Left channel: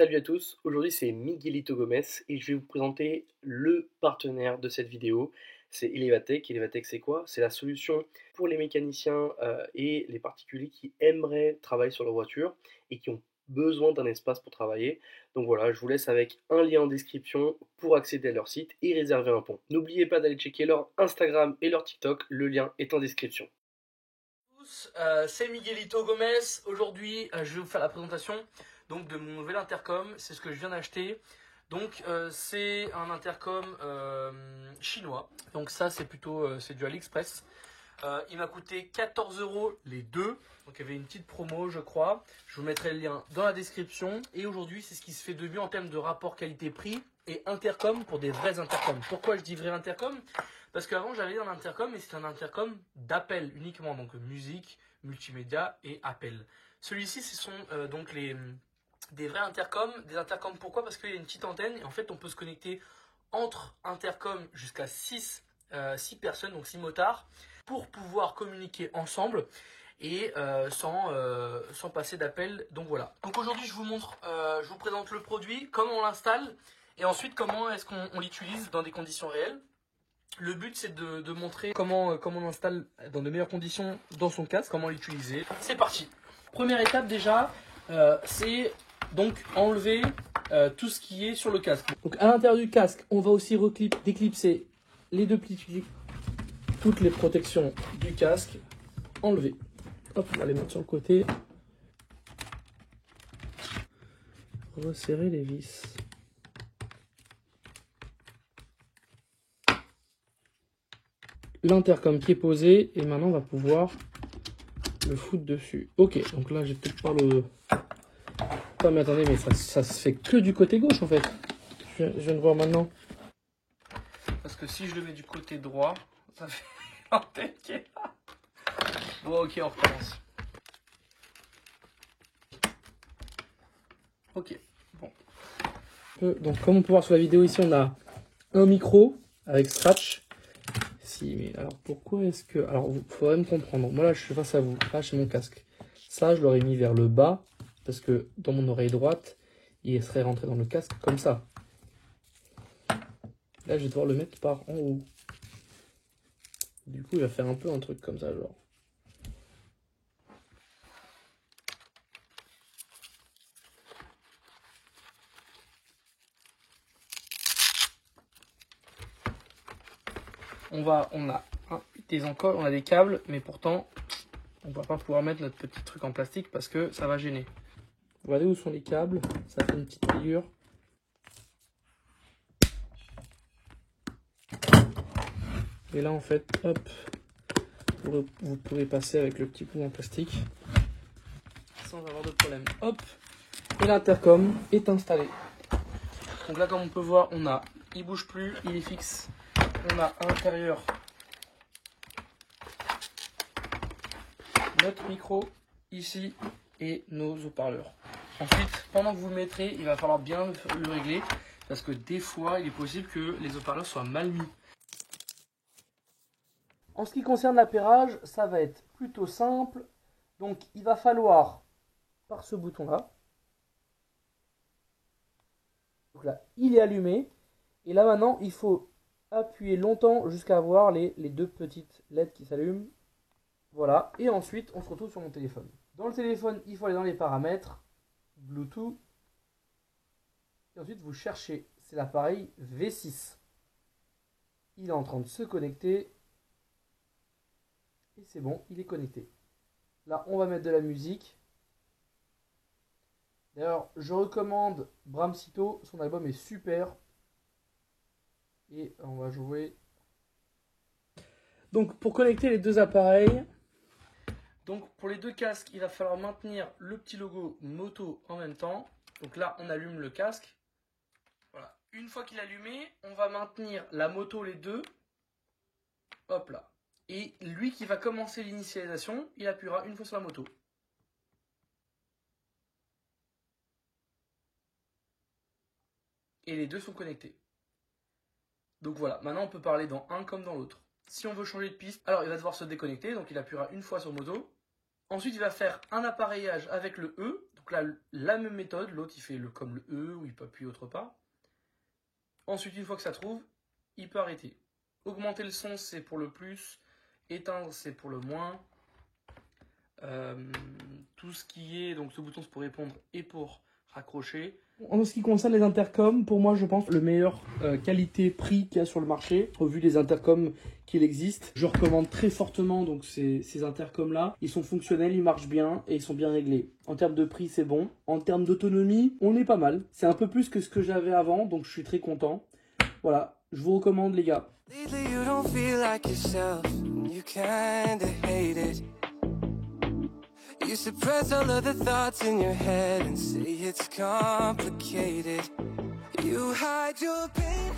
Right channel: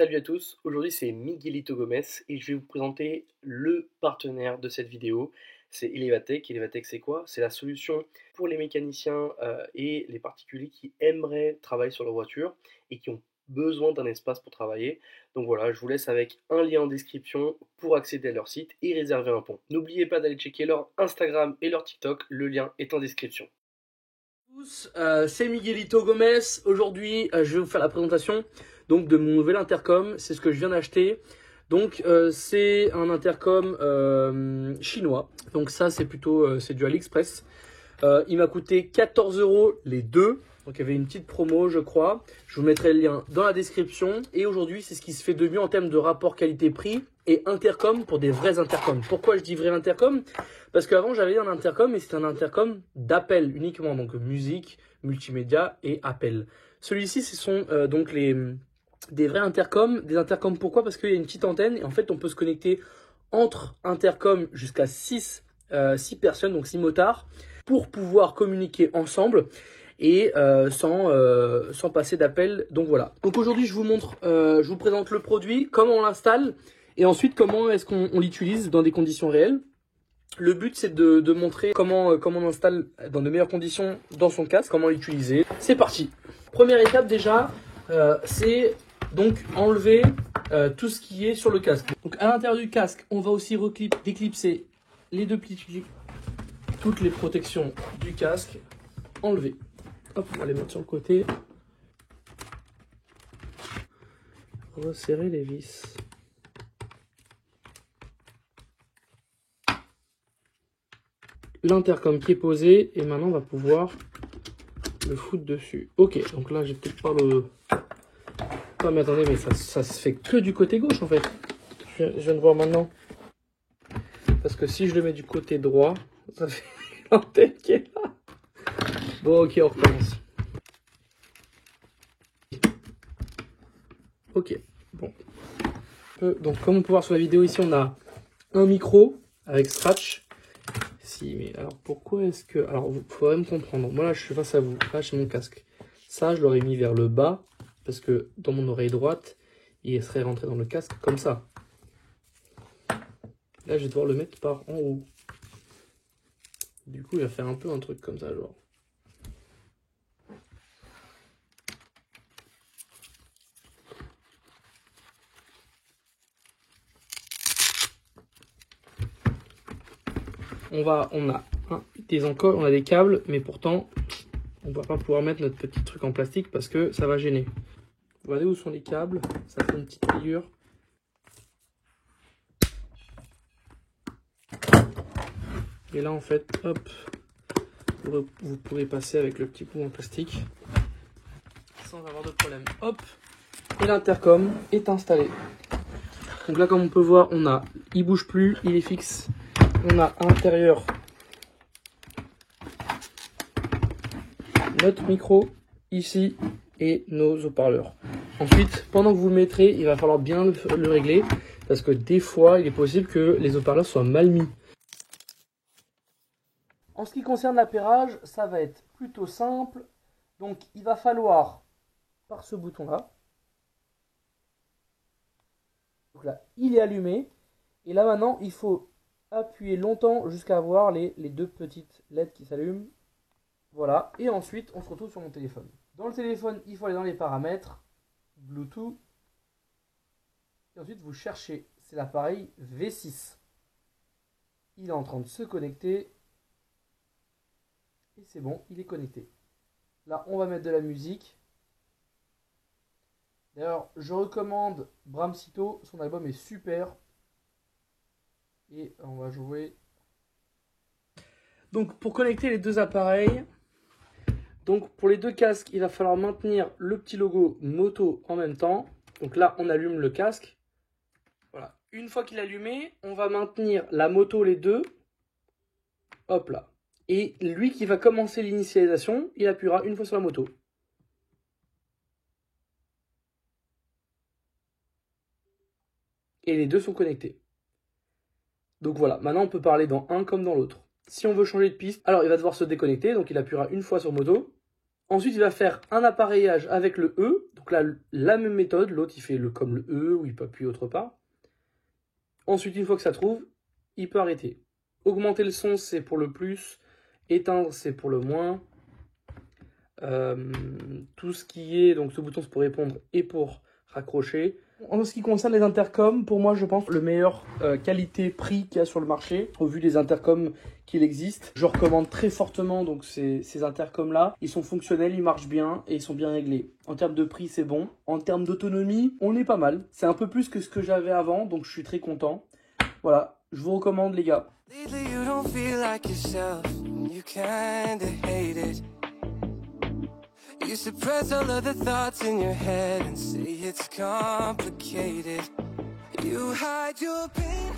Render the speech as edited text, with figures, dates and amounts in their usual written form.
Salut à tous, aujourd'hui c'est Miguelito Gomez et je vais vous présenter le partenaire de cette vidéo, c'est Elevatech. Elevatech c'est quoi? C'est la solution pour les mécaniciens et les particuliers qui aimeraient travailler sur leur voiture et qui ont besoin d'un espace pour travailler. Donc voilà, je vous laisse avec un lien en description pour accéder à leur site et réserver un pont. N'oubliez pas d'aller checker leur Instagram et leur TikTok, le lien est en description. C'est Miguelito Gomez. Aujourd'hui, je vais vous faire la présentation donc de mon nouvel intercom. C'est ce que je viens d'acheter. Donc, c'est un intercom chinois. Donc ça, c'est plutôt c'est du AliExpress. Il m'a coûté 14 € les deux. Donc il y avait une petite promo, je crois. Je vous mettrai le lien dans la description. Et aujourd'hui, c'est ce qui se fait de mieux en termes de rapport qualité-prix et intercom pour des vrais intercoms. Pourquoi je dis vrai intercom? Parce qu'avant, j'avais un intercom, mais c'était un intercom d'appel uniquement. Donc musique, multimédia et appel. Celui-ci, ce sont donc des vrais intercoms. Des intercoms, pourquoi? Parce qu'il y a une petite antenne. Et en fait, on peut se connecter entre intercoms jusqu'à 6 personnes, donc 6 motards, pour pouvoir communiquer ensemble et sans passer d'appel. Donc voilà. Donc aujourd'hui je vous montre, je vous présente le produit, comment on l'installe et ensuite comment est-ce qu'on l'utilise dans des conditions réelles. Le but c'est de montrer comment on installe dans de meilleures conditions dans son casque, comment l'utiliser. C'est parti. Première étape déjà, c'est donc enlever tout ce qui est sur le casque. Donc à l'intérieur du casque, on va aussi déclipser les deux plis, toutes les protections du casque, enlever. Hop, on va les mettre sur le côté. Resserrer les vis. L'intercom qui est posé et maintenant on va pouvoir le foutre dessus. Ok, donc là j'ai peut-être pas le... Oh mais attendez, mais ça se fait que du côté gauche en fait. Je viens de voir maintenant. Parce que si je le mets du côté droit, ça fait l'antenne qui est là. Bon ok, on recommence. Ok, bon. Donc comme on peut voir sur la vidéo ici, on a un micro avec scratch. Si, mais alors pourquoi est-ce que... Alors il faudrait me comprendre. Moi là je suis face à vous, là j'ai mon casque. Ça je l'aurais mis vers le bas, parce que dans mon oreille droite, il serait rentré dans le casque comme ça. Là je vais devoir le mettre par en haut. Du coup il va faire un peu un truc comme ça genre. On a des câbles, mais pourtant on va pas pouvoir mettre notre petit truc en plastique parce que ça va gêner. Regardez où sont les câbles, ça fait une petite figure. Et là en fait, hop, vous pourrez passer avec le petit bout en plastique sans avoir de problème. Hop, et l'intercom est installé. Donc là comme on peut voir, il bouge plus, il est fixe. On a à l'intérieur notre micro ici et nos haut-parleurs. Ensuite, pendant que vous le mettrez, il va falloir bien le régler parce que des fois, il est possible que les haut-parleurs soient mal mis. En ce qui concerne l'appairage, ça va être plutôt simple. Donc, il va falloir, par ce bouton-là, donc là, il est allumé. Et là, maintenant, il faut appuyer longtemps jusqu'à voir les deux petites LED qui s'allument. Voilà, et ensuite on se retrouve sur mon téléphone. Dans le téléphone, il faut aller dans les paramètres, Bluetooth, et ensuite vous cherchez, c'est l'appareil V6. Il est en train de se connecter, et c'est bon, il est connecté. Là, on va mettre de la musique. D'ailleurs, je recommande Bram Cito, son album est super. Et on va jouer. Donc pour connecter les deux appareils, donc pour les deux casques, il va falloir maintenir le petit logo moto en même temps. Donc là, on allume le casque. Voilà. Une fois qu'il est allumé, on va maintenir la moto les deux. Hop là. Et lui qui va commencer l'initialisation, il appuiera une fois sur la moto. Et les deux sont connectés. Donc voilà, maintenant on peut parler dans un comme dans l'autre. Si on veut changer de piste, alors il va devoir se déconnecter, donc il appuiera une fois sur moto. Ensuite, il va faire un appareillage avec le E. Donc là, la même méthode. L'autre, il fait comme le E, où il peut appuyer autre part. Ensuite, une fois que ça trouve, il peut arrêter. Augmenter le son, c'est pour le plus. Éteindre, c'est pour le moins. Tout ce qui est... Donc ce bouton, c'est pour répondre et pour raccrocher. En ce qui concerne les intercoms, pour moi, je pense le meilleur qualité-prix qu'il y a sur le marché, au vu des intercoms qu'il existe. Je recommande très fortement donc ces intercoms-là. Ils sont fonctionnels, ils marchent bien et ils sont bien réglés. En termes de prix, c'est bon. En termes d'autonomie, on est pas mal. C'est un peu plus que ce que j'avais avant, donc je suis très content. Voilà, je vous recommande les gars. You suppress all of the thoughts in your head and say it's complicated. You hide your pain.